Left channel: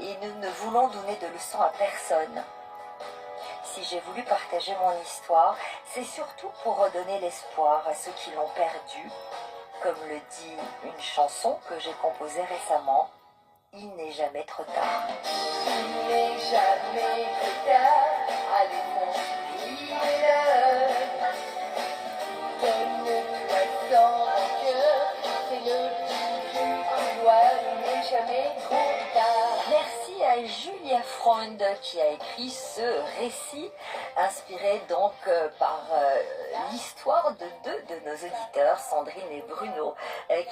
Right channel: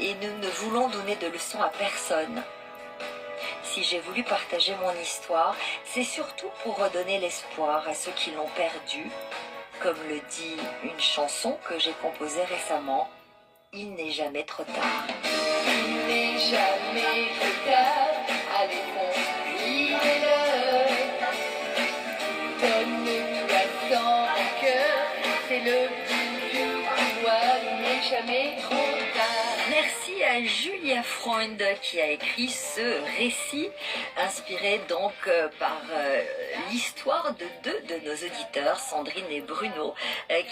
et nous ne voulons donner de leçons à personne. Si j'ai voulu partager mon histoire, c'est surtout pour redonner l'espoir à ceux qui l'ont perdu. Comme le dit une chanson que j'ai composée récemment, il n'est jamais trop tard. Il n'est jamais trop tard, allez fonce, il est l'heure. Donne-toi sans rancœur, c'est le but du pouvoir, il n'est jamais trop tard. Merci à Julia Freund qui a écrit ce récit, inspiré donc par l'histoire de deux de nos auditeurs, Sandrine et Bruno,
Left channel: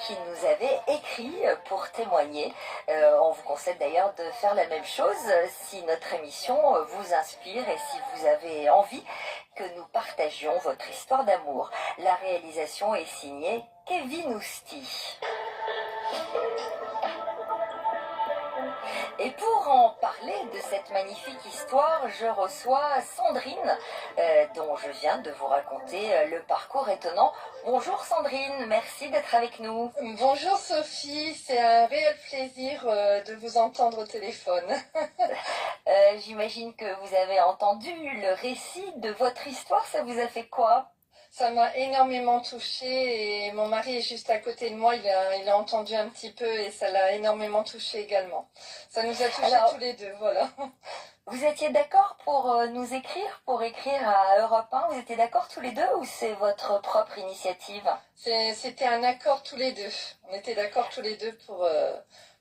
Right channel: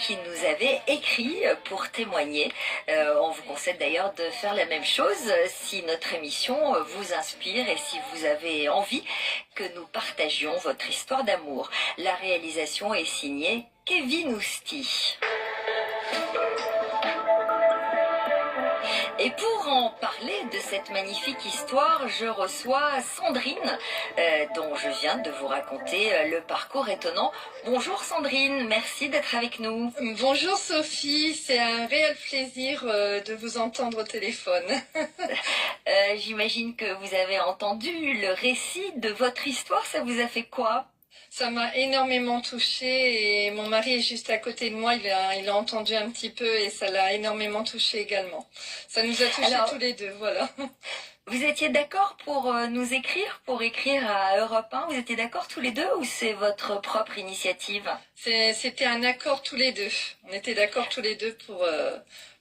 qui nous avaient écrit pour témoigner. On vous conseille d'ailleurs de faire la même chose si notre émission vous inspire et si vous avez envie que nous partagions votre histoire d'amour. La réalisation est signée Kevin Ousti. Et pour en parler de cette magnifique histoire, je reçois Sandrine, dont je viens de vous raconter le parcours étonnant. Bonjour Sandrine, merci d'être avec nous. Bonjour Sophie, c'est un réel plaisir de vous entendre au téléphone. J'imagine que vous avez entendu le récit de votre histoire, ça vous a fait quoi ? Ça m'a énormément touchée et mon mari est juste à côté de moi, il a entendu un petit peu et ça l'a énormément touchée également. Ça nous a touchés tous les deux, voilà. Vous étiez d'accord pour nous écrire, pour écrire à Europe 1 ? Vous étiez d'accord tous les deux ou c'est votre propre initiative ? C'était un accord tous les deux. On était d'accord tous les deux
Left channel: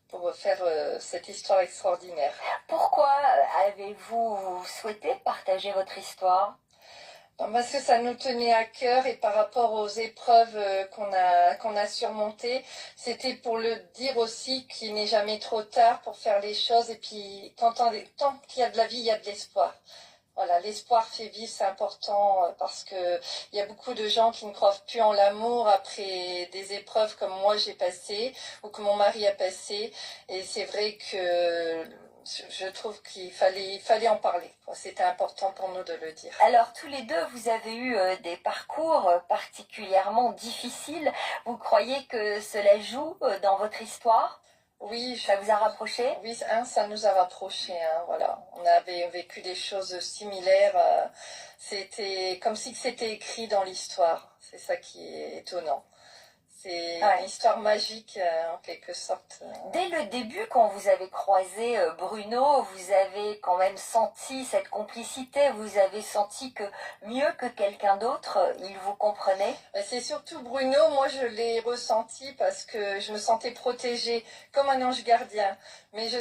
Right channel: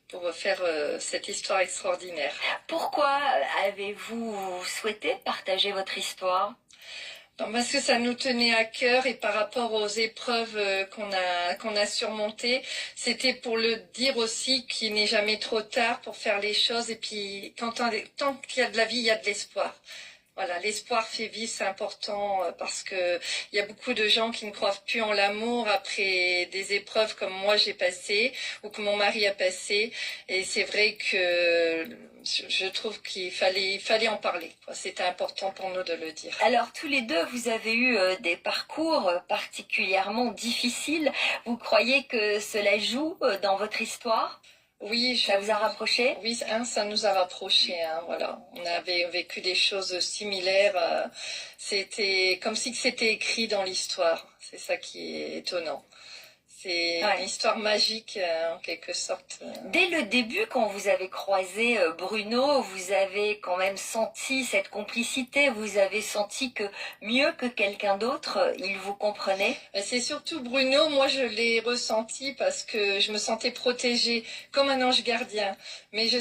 pour faire cette histoire extraordinaire. Pourquoi avez-vous souhaité partager votre histoire ? Parce que ça nous tenait à cœur et par rapport aux épreuves qu'on a surmontées, c'était pour le dire aussi qu'il n'est jamais trop tard pour faire les choses et puis tant qu'il y a de la vie, il y a de l'espoir. Voilà, l'espoir fait vivre, c'est important parce que il y a beaucoup de gens qui ne croient plus en l'amour après des épreuves comme moi j'ai passé ou que mon mari a passé. Et c'est vrai que je trouve qu'il fallait en parler. C'était important pour nous de le dire. Alors tous les deux, vous avez eu des parcours particulièrement difficiles. Vous croyez que cela joue dans votre histoire ? Oui, ça vous a rapproché ? Oui, ça nous a rapprochés. Voilà, on avait vécu des choses similaires. C'était comme si c'était écrit dans l'histoire. C'est ça qui est étonnant. C'est une histoire magique en quelque sorte. Dès le début, quand vous avez croisé Bruno, vous avez quand même senti cette complicité. Vous avez senti que mieux que quelqu'un d'autre, il vous comprenait ? C'est surtout Bruno. Moi, je l'ai ressenti parce que je me sentais protégée comme un ange gardien. Mais je